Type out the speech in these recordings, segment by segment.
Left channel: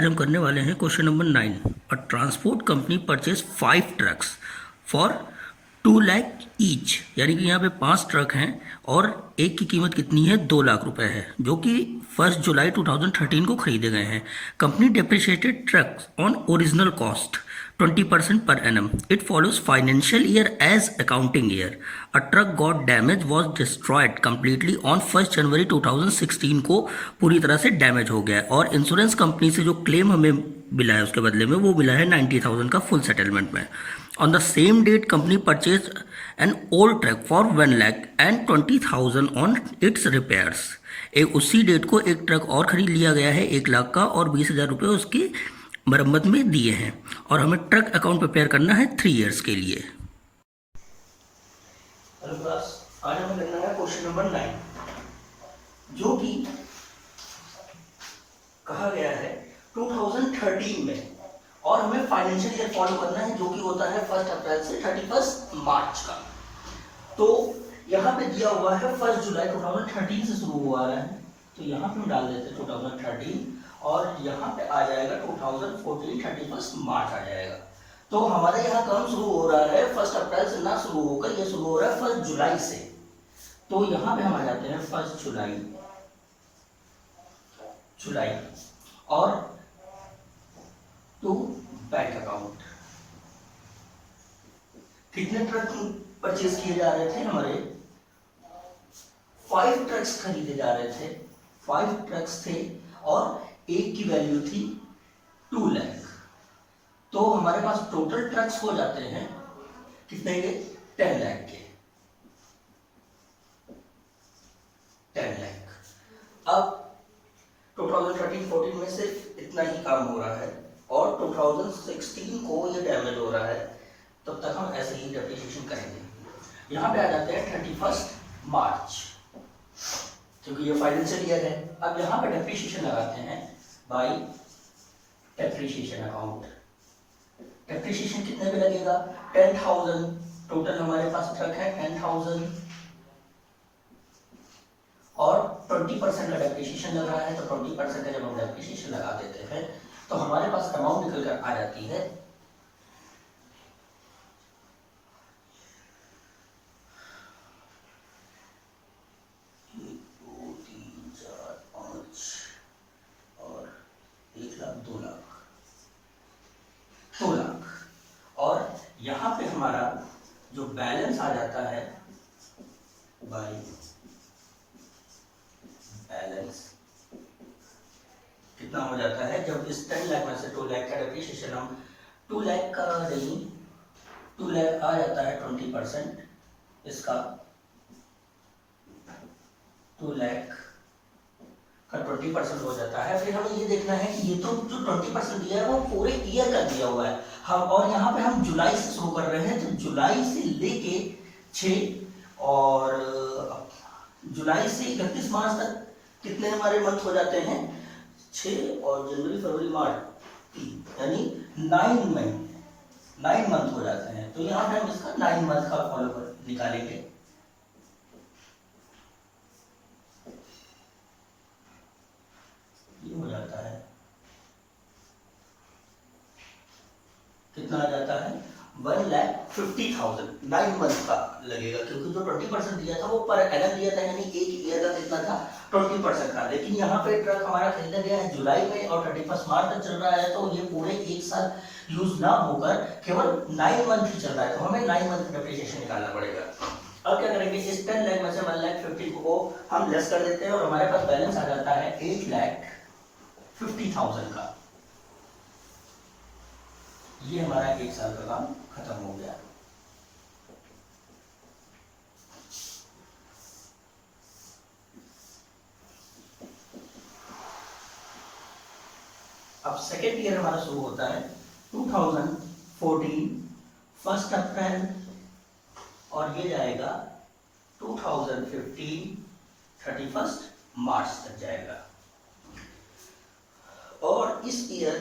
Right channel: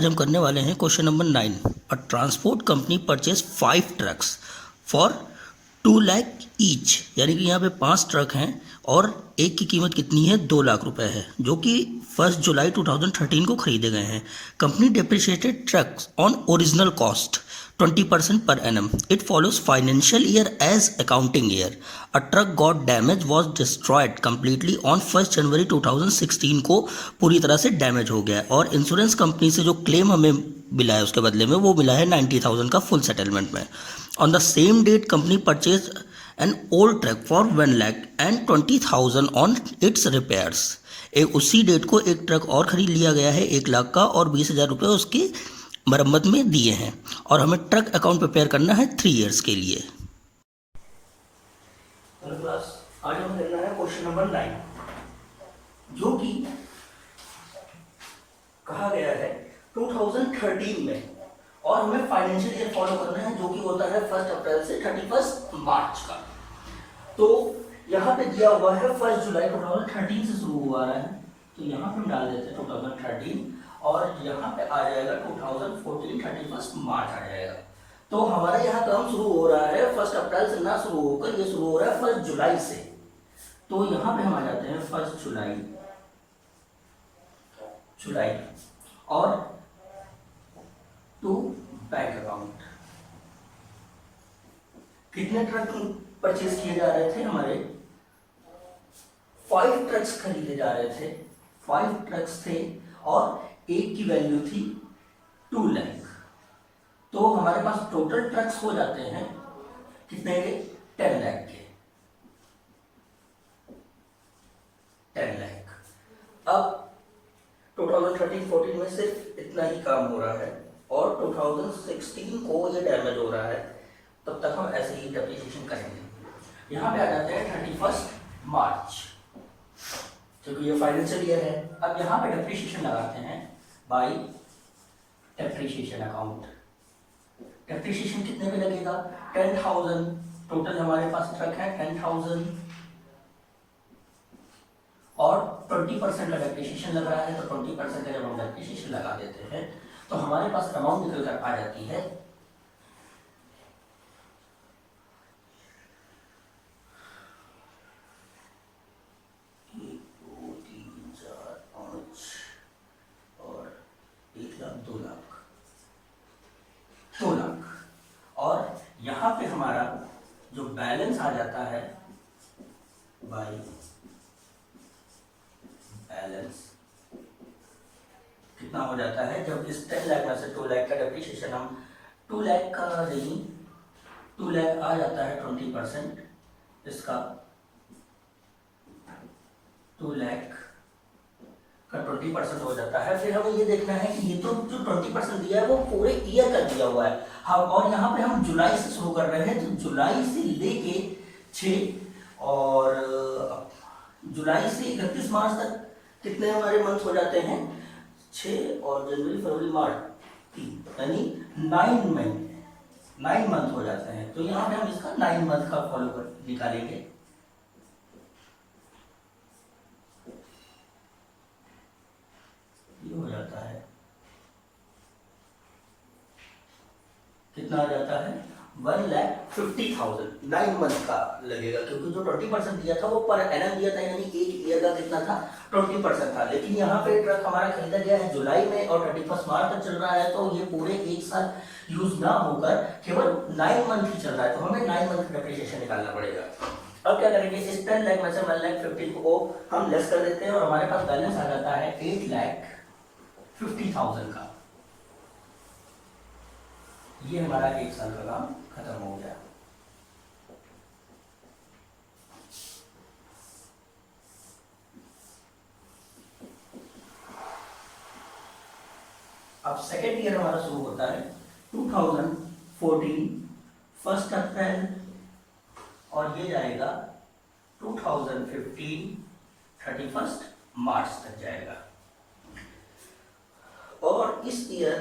आज हम करने वाले हैं question number 9। A transport company purchase 5 trucks for 2 lakh each, यानी कि यहाँ पे 5 ट्रक हैं और एक की कीमत कितनी है, 2 लाख रुपए है, जो कि 1 जुलाई 2013 को खरीदे गए हैं। Company depreciated trucks on original cost 20% per annum. It follows financial year as accounting year. A truck got damaged was destroyed completely on 1st जनवरी 2016 को पूरी तरह से डैमेज हो गया है और इंश्योरेंस कंपनी से जो क्लेम हमें मिला है उसके बदले में वो मिला है 90,000 का फुल सेटलमेंट में। On the same date company purchase an old truck for 1 lakh and 20,000 on its repairs. एक उसी डेट को एक ट्रक और खरीद लिया गया है 1 लाख का और 20,000 रुपये उसकी मरम्मत में दिए हैं और हमें ट्रक अकाउंट प्रिपेयर करना है 3 इयर्स के लिए। आज हमें करना है क्वेश्चन नंबर 9, जो कि कहा गया है 2013 में और हमें फाइनेंशियल ईयर फॉलो करना है, जो कि होता है 1 अप्रैल से 31 मार्च का। तो यहाँ पे दिया हुआ है 1 जुलाई 2013 से शुरू हुआ है, तो यहाँ पे हम डाल देते हैं 2013 और यहाँ पे आ जाएगा 2014 31 मार्च आ जाएगा। तो हमारा यहाँ काम शुरू हो रहा है 1 अप्रैल से ना शुरू होकर ये शुरू हो रहा है 1 जुलाई से। तो यहाँ पे हम आ जाते हैं 1 जुलाई और टू बैंक अकाउंट। कितने ट्रक परचेज किए जा रहे थे, हमारे 5 ट्रक्स खरीदे जा रहे थे, 5 ट्रक्स थे और एक की वैल्यू थी 2 लाख। तो हमारे पास टोटल ट्रक्स हो जाते हैं कितने के, 10 लाख के, 10 लाख। अब 2013-14 में सिर्फ इतना ही काम हो रहा है और 2016 को ये डैमेज हो रहा है, तब तक हम ऐसे ही डेप्रिसिएशन करेंगे। यहाँ पे आ जाते हैं 31 मार्च, क्योंकि ये फाइनेंशियल ईयर है। अब यहाँ पे डेप्रिसिएशन लगाते हैं बाय डेप्रिसिएशन अकाउंट। डेप्रिसिएशन कितने पे लगेगा, 10,000। टोटल हमारे पास ट्रक है 10,000 और 20% का डेप्रिसिएशन लग रहा है, तो 20% का जब हम डेप्रिसिएशन लगा देते हैं तो हमारे पास अमाउंट निकल कर आ जाती है 2 लाख। और यहाँ पे हमारा जो बैलेंस आ जाता है बाय बैलेंस कितना हो जाता है, जब इस 10 लाख में से 2 लाख का डेप्रिसिएशन हम 2 लाख का नहीं, 2 लाख आ जाता है 20% इसका, 2 लाख का 20% हो जाता है। फिर हमें ये देखना है कि ये तो जो 20% दिया है वो पूरे ईयर का दिया हुआ है हम, और यहाँ पे हम जुलाई से शुरू कर रहे हैं, तो जुलाई से लेके 6 और जुलाई से 31 मार्च तक कितने हमारे मंथ हो जाते हैं, 6 और जनवरी फरवरी मार्च 3, यानी 9 मंथ हो जाते हैं। तो यहाँ पे हम इसका 9 मंथ का फॉलो निकालेंगे। हो जाता है कितना आ जाता है, 1,50,000 9 मंथ का लगेगा, क्योंकि जो 20% दिया था वो पर एनम दिया था, यानी एक ईयर का कितना था, 20% था। लेकिन यहाँ पे ट्रक हमारा खरीदा गया है जुलाई में और 31 मार्च तक चल रहा है, तो ये पूरे एक साल यूज ना होकर केवल 9 मंथ ही चल रहा है, तो हमें 9 मंथ का डेप्रिसिएशन निकालना पड़ेगा। अब क्या करेंगे, इस 10 लाख में से 1,50,000 को हम लेस कर देते हैं और हमारे पास बैलेंस आ जाता है 8,50,000 का। ये हमारा एक साल का काम खत्म हो गया। अब सेकेंड ईयर हमारा शुरू होता है 2014 1 अप्रैल और ये जाएगा 2015 31 मार्च तक जाएगा। और इस ईयर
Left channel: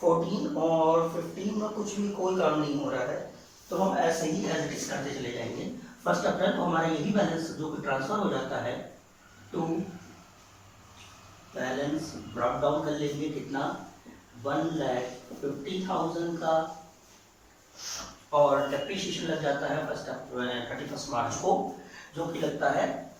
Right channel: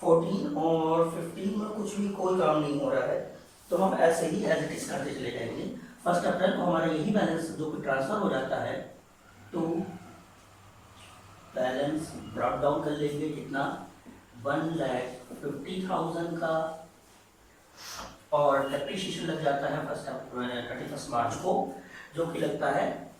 14 और 15 में कुछ भी कोई काम नहीं हो रहा है, तो हम ऐसे ही एज इट इज करते चले जाएंगे। 1 अप्रैल को हमारा यही बैलेंस जो कि ट्रांसफर हो जाता है, तो बैलेंस ब्रॉट डाउन कर लेंगे कितना, 1,50,000 का, और डेप्रिसिएशन लग जाता है 31 मार्च को, जो कि लगता है,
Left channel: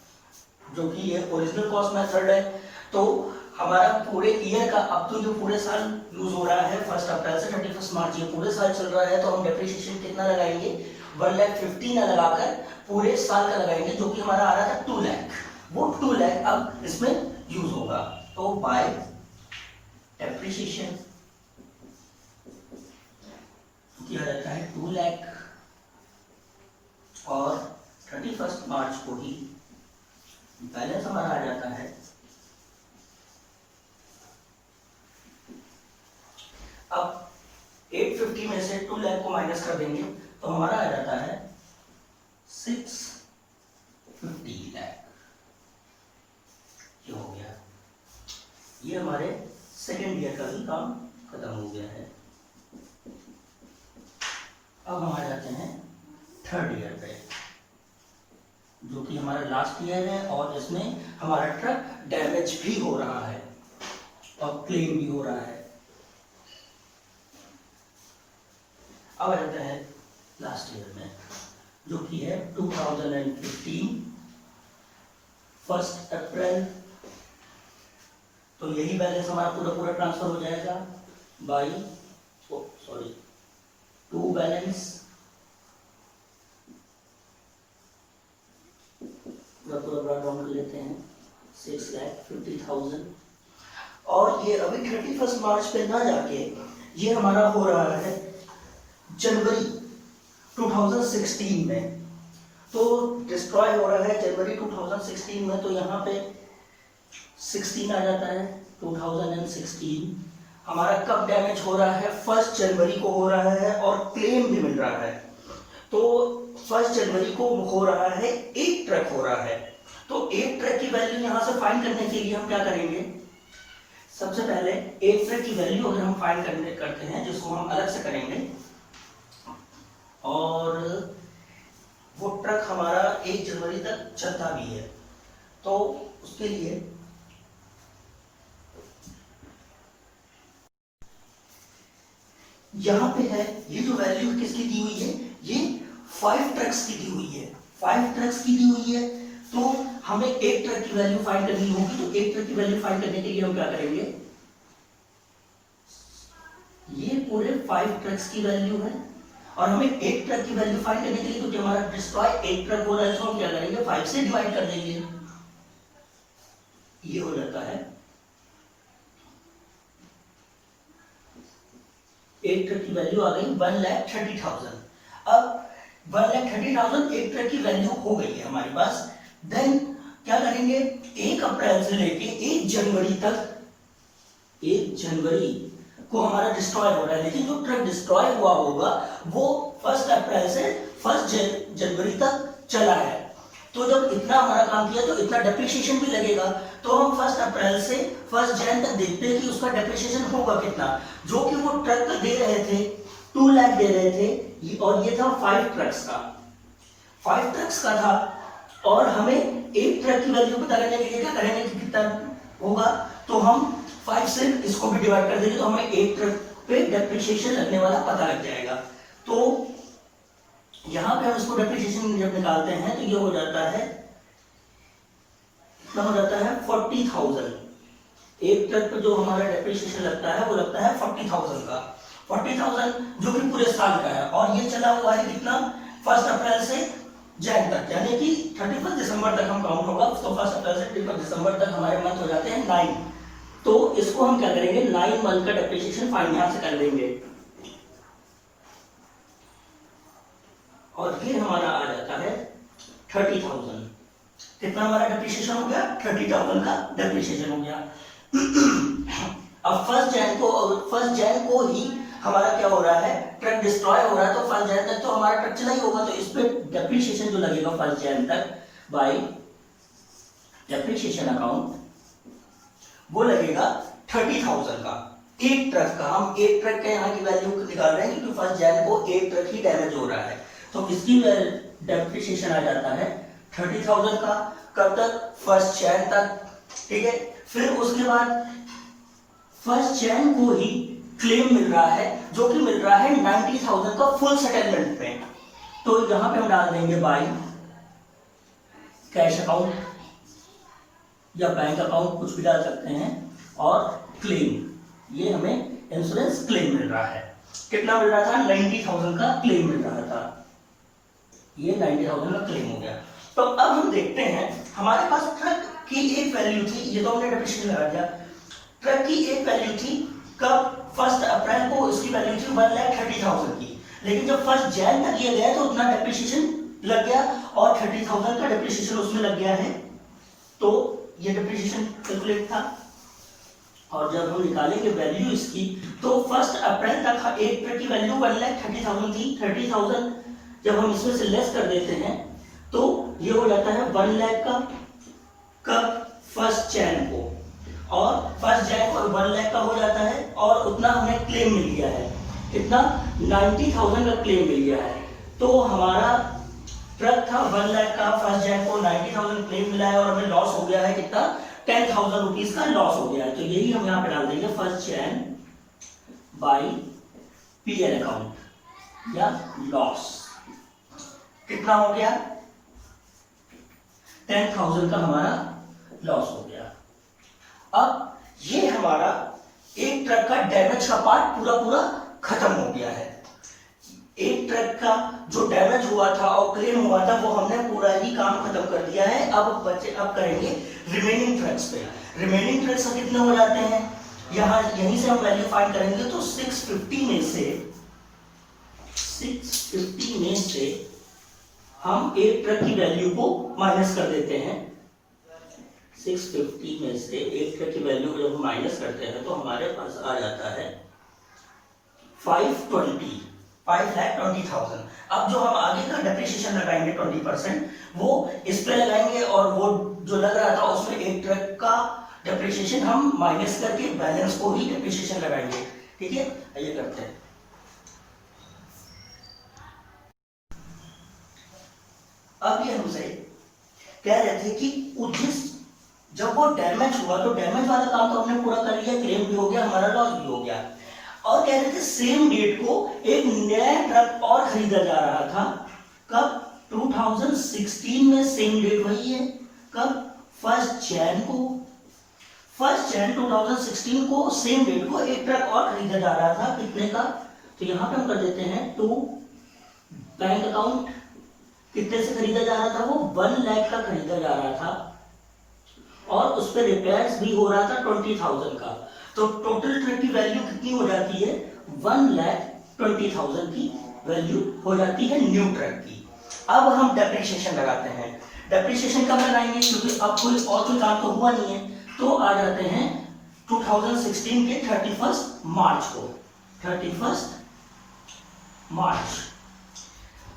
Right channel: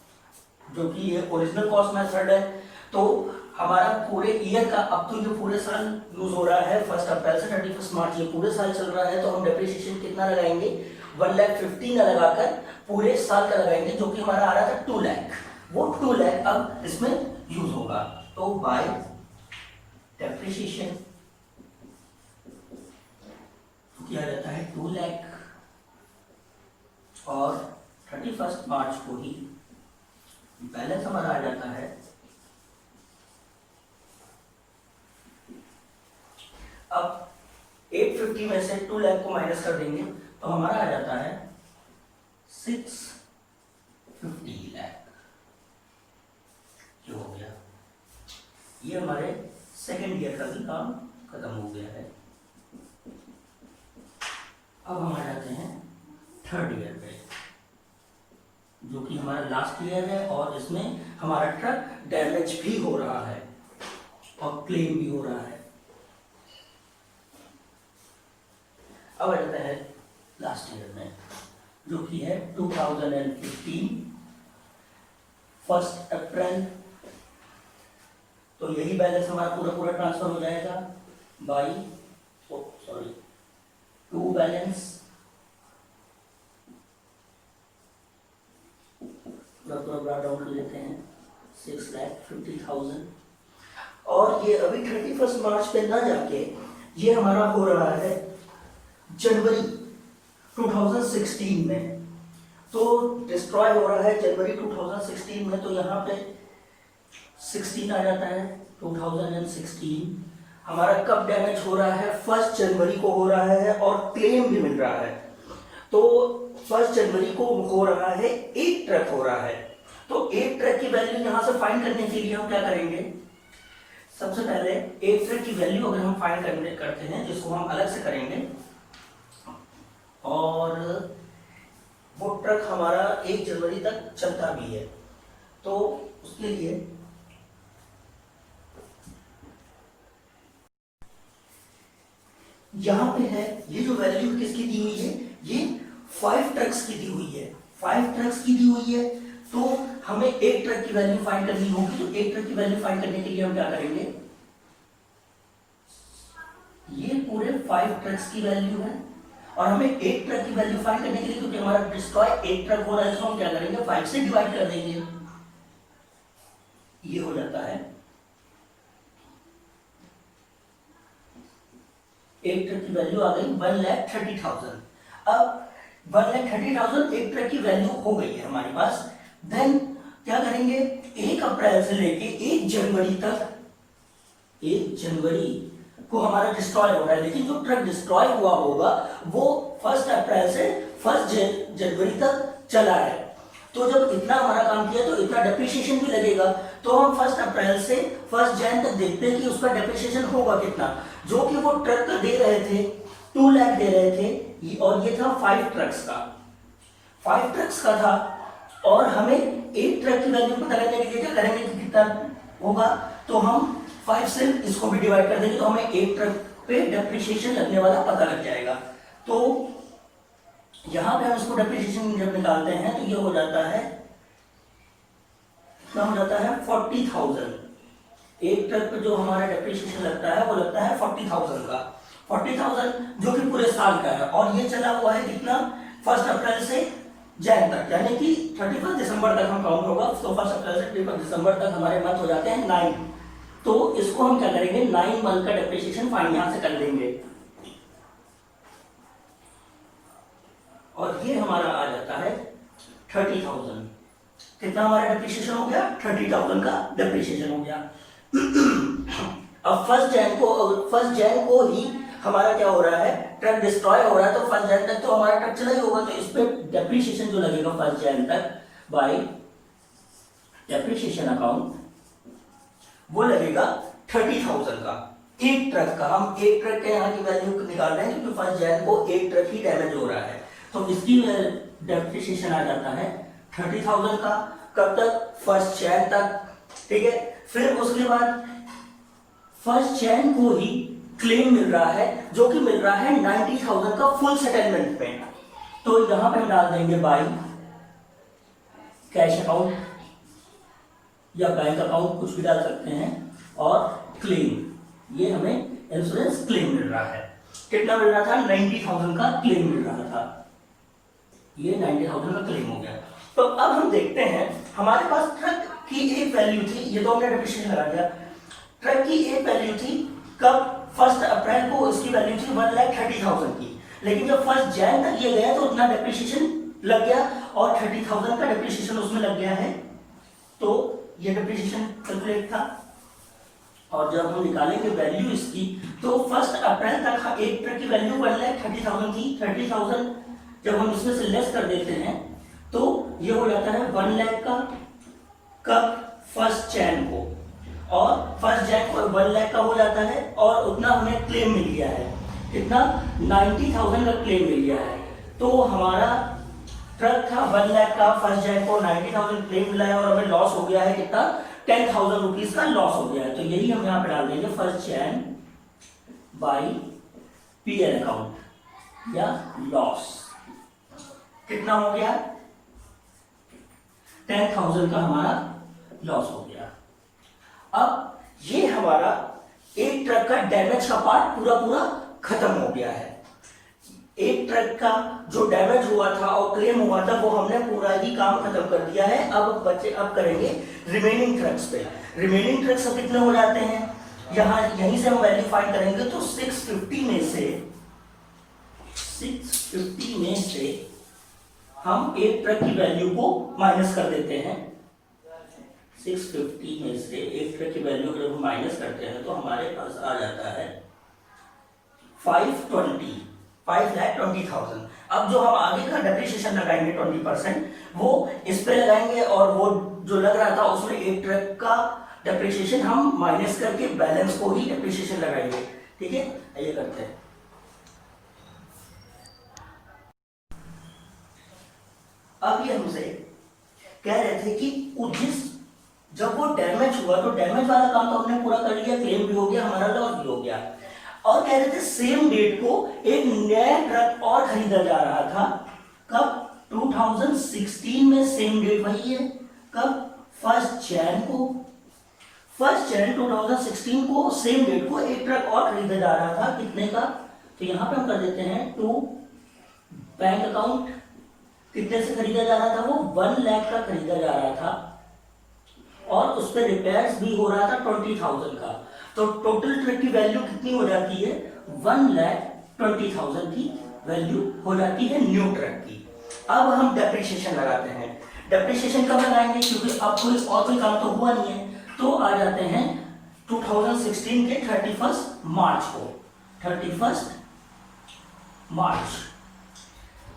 जो कि ये ओरिजिनल कॉस्ट मेथड है। तो हमारा पूरे ईयर का, अब तो जो पूरे साल यूज हो रहा है 1 अप्रैल से 31 मार्च, ये पूरे साल चल रहा है, तो हम डेप्रिसिएशन कितना लगाएंगे, 1,50,000 ना लगाकर पूरे साल का लगाएंगे, जो कि हमारा आ रहा था 2 लाख। वो 2 लाख अब इसमें यूज होगा। तो बाय डेप्रिसिएशन किया जाता है 2 लाख, और 31 मार्च को ही बैलेंस हमारा आ जाता है। अब 850 में से 2 लाख को माइनस कर देंगे तो हमारा आ जाता है 650 लाख। ये हो गया, ये हमारे सेकेंड ईयर का भी काम खत्म हो गया है। अब हम आ जाते हैं थर्ड ईयर पे, जो कि हमारा लास्ट ईयर है, और इसमें हमारा ट्रक डैमेज भी हो रहा है और क्लेम भी हो रहा है। अब आ जाता है लास्ट ईयर में, जो कि है 2015 1 अप्रैल। तो यही बैलेंस हमारा पूरा ट्रांसफर हो जाएगा बाई टू बैलेंस, पूरा डाउन कर लेते हैं 6,50,000। और ये अभी 31 मार्च पे ना जाके ये हमारा हो रहा है जनवरी 2016 में। तो डिस्ट्रॉय हो रहा है जनवरी 2016 में, तो यहाँ पे 16 आ जाता है। 2016 हमारा कब डैमेज हो रहा है, 1 जनवरी को हो रहा है, और क्लेम भी मिल रहा है। तो 1 जनवरी को हो रहा है, 1 ट्रक हो रहा है। तो 1 ट्रक की वैल्यू यहाँ से फाइंड करने के लिए हम क्या करेंगे, सबसे पहले 1 ट्रक की वैल्यू अगर हम फाइंड करते हैं, जिसको हम अलग से करेंगे, और वो ट्रक हमारा 1 जनवरी तक चलता भी है, तो उसके लिए यहां पे है, ये जो वैल्यू किसकी दी हुई है, ये 5 ट्रक्स की दी हुई है। 5 ट्रक्स की दी हुई है, तो हमें 1 ट्रक की वैल्यू फाइंड करनी होगी। तो 1 ट्रक की वैल्यू फाइंड करने के लिए हम क्या करेंगे, ये पूरे 5 ट्रक्स की वैल्यू है, और हमें 1 ट्रक की वैल्यू फाइंड करने के लिए, क्योंकि हमारा डिस्ट्रॉय 1 ट्रक हो रहा है, तो हम क्या करेंगे, 5 से डिवाइड कर देंगे। ये हो जाता है 1 ट्रक की वैल्यू आ गई 1,30,000। अब 1,30,000 1 ट्रक की वैल्यू हो गई है हमारे पास। देन क्या करेंगे, 1 अप्रैल से लेके 1 जनवरी तक, 1 जनवरी को हमारा डिस्ट्रॉय हो रहा है, लेकिन जो ट्रक डिस्ट्रॉय हुआ होगा वो 1 अप्रैल से 1 जनवरी तक चला है। तो जब इतना हमारा काम किया तो इतना डेप्रिसिएशन भी लगेगा। तो हम 1 अप्रैल से 1 जैन तक देखते हैं कि उसका डेप्रिसिएशन होगा कितना, जो कि वो ट्रक का दे रहे थे 2 लाख दे रहे थे, और ये था 5 ट्रक्स का, 5 ट्रक्स का था। और हमें 1 ट्रक की वैल्यू पता करने के लिए क्या करेंगे कि कितना होगा, तो हम 5 से इसको भी डिवाइड कर देंगे, तो हमें 1 ट्रक पे डेप्रिसिएशन लगने वाला पता लग जाएगा। तो यहां पे हम इसको डेप्रिसिएशन जब निकालते हैं तो ये हो जाता है, कितना हो जाता है 40,000। 1 ट्रक पे जो हमारा डेप्रिसिएशन लगता है वो लगता है 40,000 का, 40,000 जो कि पूरे साल का है। और ये चला हुआ है कितना, 1 अप्रैल से जैन तक, यानी कि 31 दिसंबर तक हम काउंट होगा। तो 1 अप्रैल से 31 दिसंबर तक हमारे मंथ हो जाते हैं 9। तो इसको हम क्या करेंगे, 9 मंथ का डेप्रिसिएशन फाइंड यहां से कर लेंगे, और ये हमारा आ जाता है 30,000। कितना हमारा डेप्रिसिएशन हो गया, 30,000 का डेप्रिसिएशन हो गया। अब 1 जैन को ही हमारा क्या हो रहा है, ट्रक डिस्ट्रॉय हो रहा है, तो 1 जैन तक तो हमारा ट्रक चला ही होगा। तो इस पे डेप्रिसिएशन जो लगेगा 1 जैन तक बाय डेप्रिसिएशन अकाउंट, वो लगेगा 30,000 का, 1 ट्रक का। हम 1 ट्रक के यहाँ की वैल्यू निकाल रहे हैं, क्योंकि 1 जैन को 1 ट्रक ही डैमेज हो रहा है, तो इसकी डेप्रिसिएशन आ जाता है 30,000 का। कब तक, 1 जैन तक, ठीक है। फिर उसके बाद 1 जैन को ही क्लेम मिल रहा है, जो कि मिल रहा है 90,000 का फुल सेटलमेंट में। तो यहां पे हम डाल देंगे बाय कैश अकाउंट या बैंक अकाउंट, कुछ भी डाल सकते हैं, और क्लेम। ये हमें इंश्योरेंस क्लेम मिल रहा है। कितना मिल रहा था? 90,000 का क्लेम मिल रहा था। ये 90,000 का क्लेम हो गया। तो अब हम देखते हैं, हमारे पास ट्रक की एक वैल्यू थी, ये 2 मिनट डेप्रिसिएशन लगा दिया। ट्रक की एक वैल्यू थी, कब? 1 अप्रैल को इसकी वैल्यू थी 1,30,000 की, लेकिन जब 1 जनवरी तक ये गया तो उतना डेप्रिसिएशन लग गया और 30,000 का डेप्रिसिएशन उसमें लग गया है। तो ये डेप्रिसिएशन कैलकुलेट था। और जब हम निकालेंगे वैल्यू इसकी, तो 1 अप्रैल तक एक ट्रक की वैल्यू 1,30,000 थी। 30,000 जब हम इसमें से लेस कर देते हैं तो ये हो जाता है 1 लाख का, कब? 1 जनवरी को, और 1 जनवरी को 1 लाख का हो जाता है, और उतना हमें क्लेम मिल गया है। कितना? 90,000 का क्लेम मिल गया है। तो हमारा ट्रक था 1 लाख का, 1 जनवरी को 90,000 क्लेम मिला है, और हमें लॉस हो गया है कितना? 10,000 रुपीज का लॉस हो गया है। तो यही हम यहाँ पे डाल देंगे 1 जनवरी बाई पीएल अकाउंट या लॉस। कितना हो गया? 10,000 का हमारा लॉस हो गया। अब ये हमारा एक ट्रक का डैमेज का पार्ट पूरा पूरा खत्म हो गया है। एक ट्रक का जो डैमेज हुआ था और क्लेम हुआ था वो हमने पूरा ही काम खत्म कर दिया है। अब करेंगे रिमेनिंग ट्रक्स पे। रिमेनिंग ट्रक्स कितने हो जाते हैं? यहीं से हम वैल्यू फाइंड करेंगे। तो 650 में से हम एक ट्रक की वैल्यू को माइनस कर देते हैं। 650 में से एक ट्रक की वैल्यू जब हम माइनस करते हैं तो हमारे पास आ जाता है 5,20,000। अब जो हम आगे का डेप्रिसिएशन लगाएंगे 20%, वो इस पे लगाएंगे, और वो जो लग रहा था उसमें एक ट्रक का डेप्रिसिएशन हम माइनस करके बैलेंस को ही डेप्रिसिएशन लगाएंगे। ठीक है, ये करते हैं। अब ये हमसे कह रहे थे कि जब वो डैमेज हुआ तो डैमेज वाला काम तो हमने पूरा कर लिया, क्लेम भी हो गया, हमारा लॉस भी हो गया, और कह रहे थे सेम डेट को एक नया ट्रक और खरीदा जा रहा था। कब? 2016 में सेम डेट वही है। कब? 1 जनवरी को। 1 जनवरी 2016 को सेम डेट को एक ट्रक और खरीदा जा रहा था। कितने का? तो यहां पे हम कर देते हैं टू बैंक अकाउंट। कितने से खरीदा जा रहा था? वो 1 लाख का खरीदा जा रहा था, और उस पर रिपेयर्स भी हो रहा था 20,000 का। तो टोटल ट्रक की वैल्यू कितनी हो जाती है? 1,20,000 की वैल्यू हो जाती है न्यू ट्रक की। अब हम डेप्रिसिएशन लगाते हैं। डेप्रिसिएशन कब लगाएंगे? क्योंकि अब कोई काम तो हुआ नहीं है, तो आ जाते हैं 2016 के 31 मार्च को। 31 मार्च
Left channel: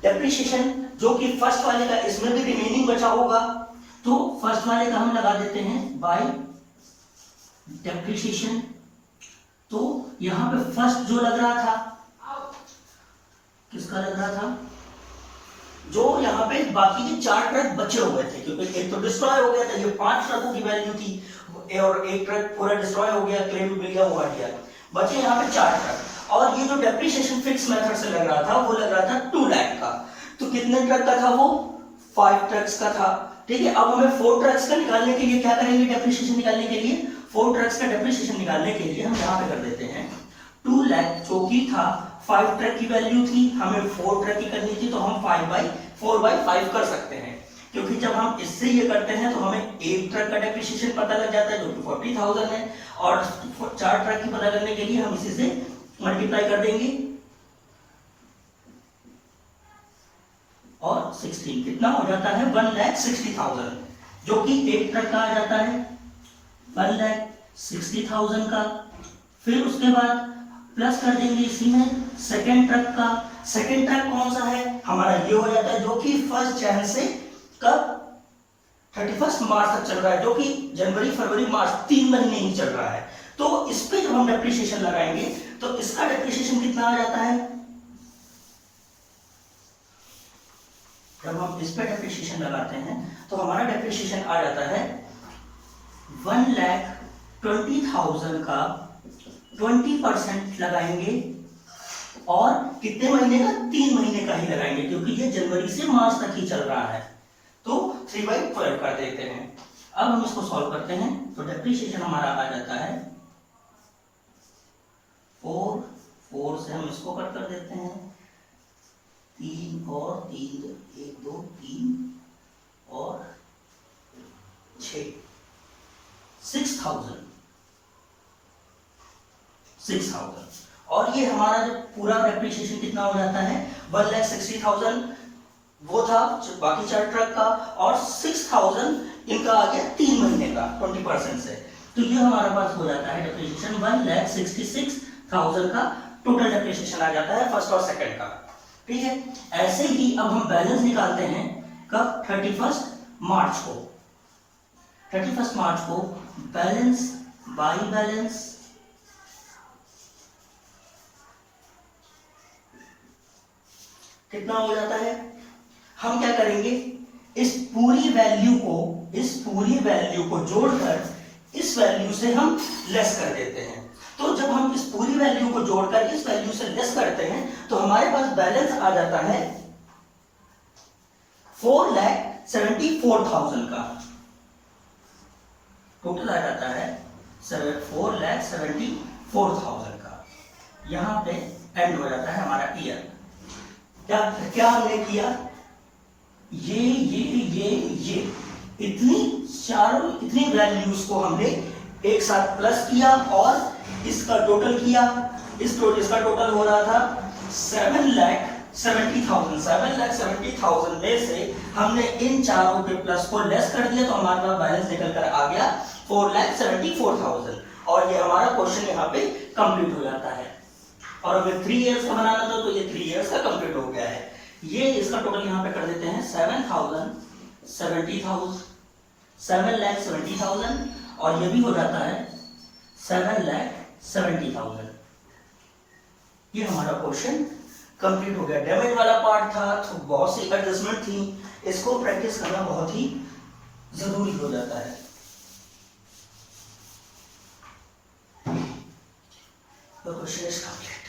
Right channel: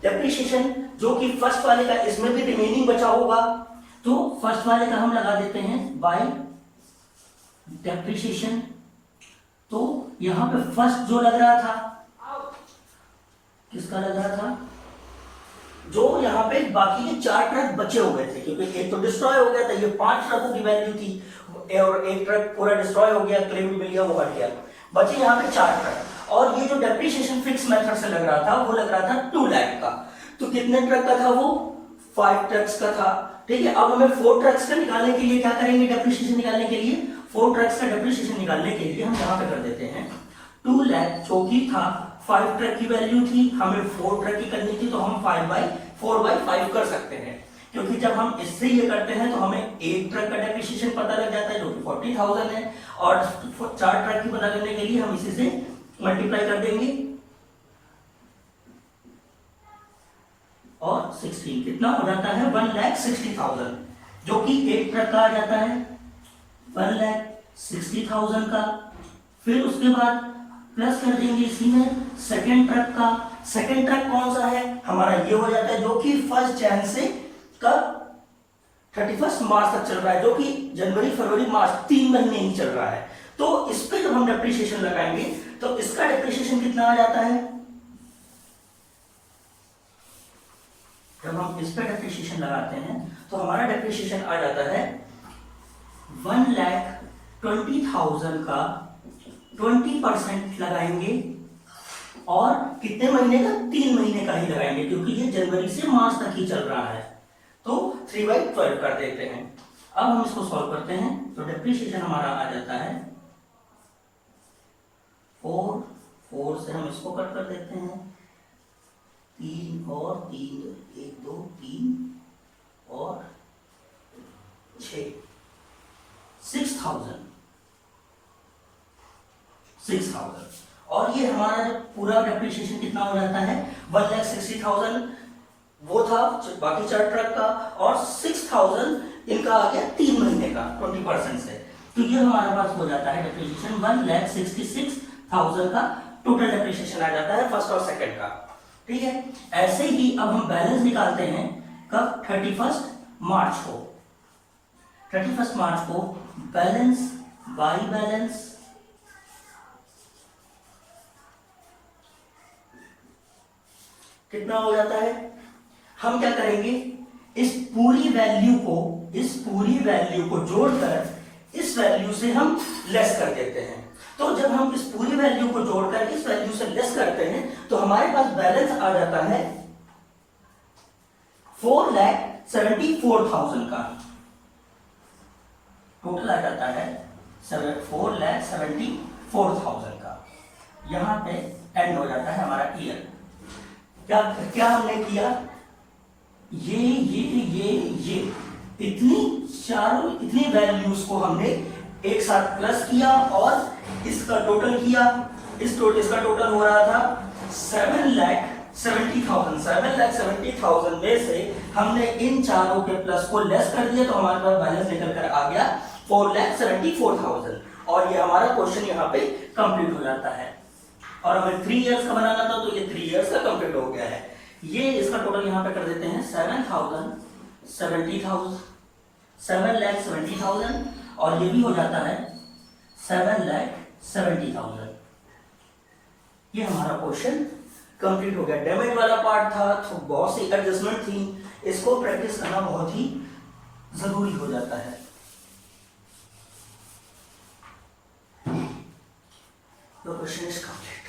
डेप्रिसिएशन जो कि फर्स्ट वाले का, इसमें भी रिमेनिंग बचा होगा, तो फर्स्ट वाले का हम लगा देते हैं बाय डेप्रिसिएशन। तो यहां पे फर्स्ट जो लग रहा था, किसका लग रहा था? जो यहां पे बाकी के 4 ट्रक बचे हुए थे, क्योंकि एक तो डिस्ट्रॉय हो गया था, ये 5 ट्रकों की वैल्यू थी, और एक ट्रक पूरा डिस्ट्रॉय हो गया, क्लेम भी मिल गया, वो हट गया, बचे यहां पे 4 ट्रक। और ये जो डेप्रिसिएशन फिक्स मेथड से लग रहा था वो लग रहा था 2 लाख का। तो कितने ट्रक का था वो? 5 ट्रक्स का था। ठीक है, अब हमें 4 ट्रक्स का निकालने के लिए क्या करेंगे? डेप्रिसिएशन निकालने के लिए 4 ट्रक्स का डेप्रिसिएशन निकालने के लिए हम यहां पे कर देते हैं 2 लाख, जो कि था 5 ट्रक की वैल्यू थी, हमें 4 ट्रक की करनी थी, तो हम 4/5 कर सकते हैं। क्योंकि जब हम इससे ये करते हैं तो हमें एक ट्रक का डेप्रिसिएशन पता लग जाता है जो कि 40,000 है, और 4 ट्रक की पता करने के लिए हम इसी से मल्टीप्लाई कर देंगे, और 16 कितना हो जाता है? 1,60,000, जो कि एक ट्रक का आ जाता है 1,60,000 का। फिर उसके बाद प्लस कर देंगे इसी में सेकेंड ट्रक का। सेकेंड ट्रक कौन सा है? हमारा ये हो जाता है, जो कि 1 जनवरी से कब? 31 मार्च तक चल रहा है, जो कि जनवरी फरवरी मार्च 3 महीने ही चल रहा है। तो इस पे जब हम डेप्रिसिएशन लगाएंगे तो इसका डेप्रिसिएशन कितना आ जाता है? जब हम इस पे डेप्रिसिएशन लगाते हैं तो हमारा डेप्रिसिएशन आ जाता है 1,20,000 का 20% लगाएंगे और कितने महीने का, 3 महीने का ही लगाएंगे क्योंकि ये जनवरी से मार्च तक ही चल रहा है। तो 3/12 कर देते हैं। अब हम इसको सॉल्व करते हैं तो डेप्रिसिएशन हमारा आ जाता है 4 से हम इसको कट कर देते हैं 3 और 3, 1 2 3 और 6, 6,000 और ये हमारा जब पूरा डेप्रिसिएशन कितना हो जाता है 1,60,000 वो था बाकी 4 ट्रक का, और 6,000 इनका आ गया 3 महीने का 20% से। तो ये हमारे पास हो जाता है डेप्रिसिएशन 1,66,000 का टोटल डेप्रिसिएशन आ जाता है फर्स्ट और सेकंड का। ठीक है, ऐसे ही अब हम बैलेंस निकालते हैं कब, 31 मार्च को। 31 मार्च को बैलेंस बाई बैलेंस कितना हो जाता है, हम क्या करेंगे, इस पूरी वैल्यू को जोड़कर इस वैल्यू से हम लेस कर देते हैं। तो जब हम इस पूरी वैल्यू को जोड़कर इस वैल्यू से लेस करते हैं तो हमारे पास बैलेंस आ जाता है 4,74,000 का। टोटल आ जाता है 4,74,000 का। यहां पे एंड हो जाता है हमारा ईयर। क्या हमने किया, ये इतनी वैल्यूज को हमने एक साथ प्लस किया और इसका टोटल किया। इसका टोटल हो रहा था 7,70,000 में से हमने इन चारों के प्लस को लेस कर दिया तो हमारे पास बैलेंस निकल कर आ गया 4,74,000 और ये हमारा क्वेश्चन यहाँ पे कंप्लीट हो जाता है। और हमें 3 इयर्स का बनाना था तो ये 3 इयर्स का कंप्लीट हो गया है। ये इसका टोटल यहाँ पे कर देते हैं 7,70,000 और ये भी हो जाता है 7,70,000। ये हमारा क्वेश्चन कंप्लीट हो गया। डैमेज वाला पार्ट था तो बहुत सी एडजस्टमेंट थी, इसको प्रैक्टिस करना बहुत ही जरूरी हो जाता है। The question is complete.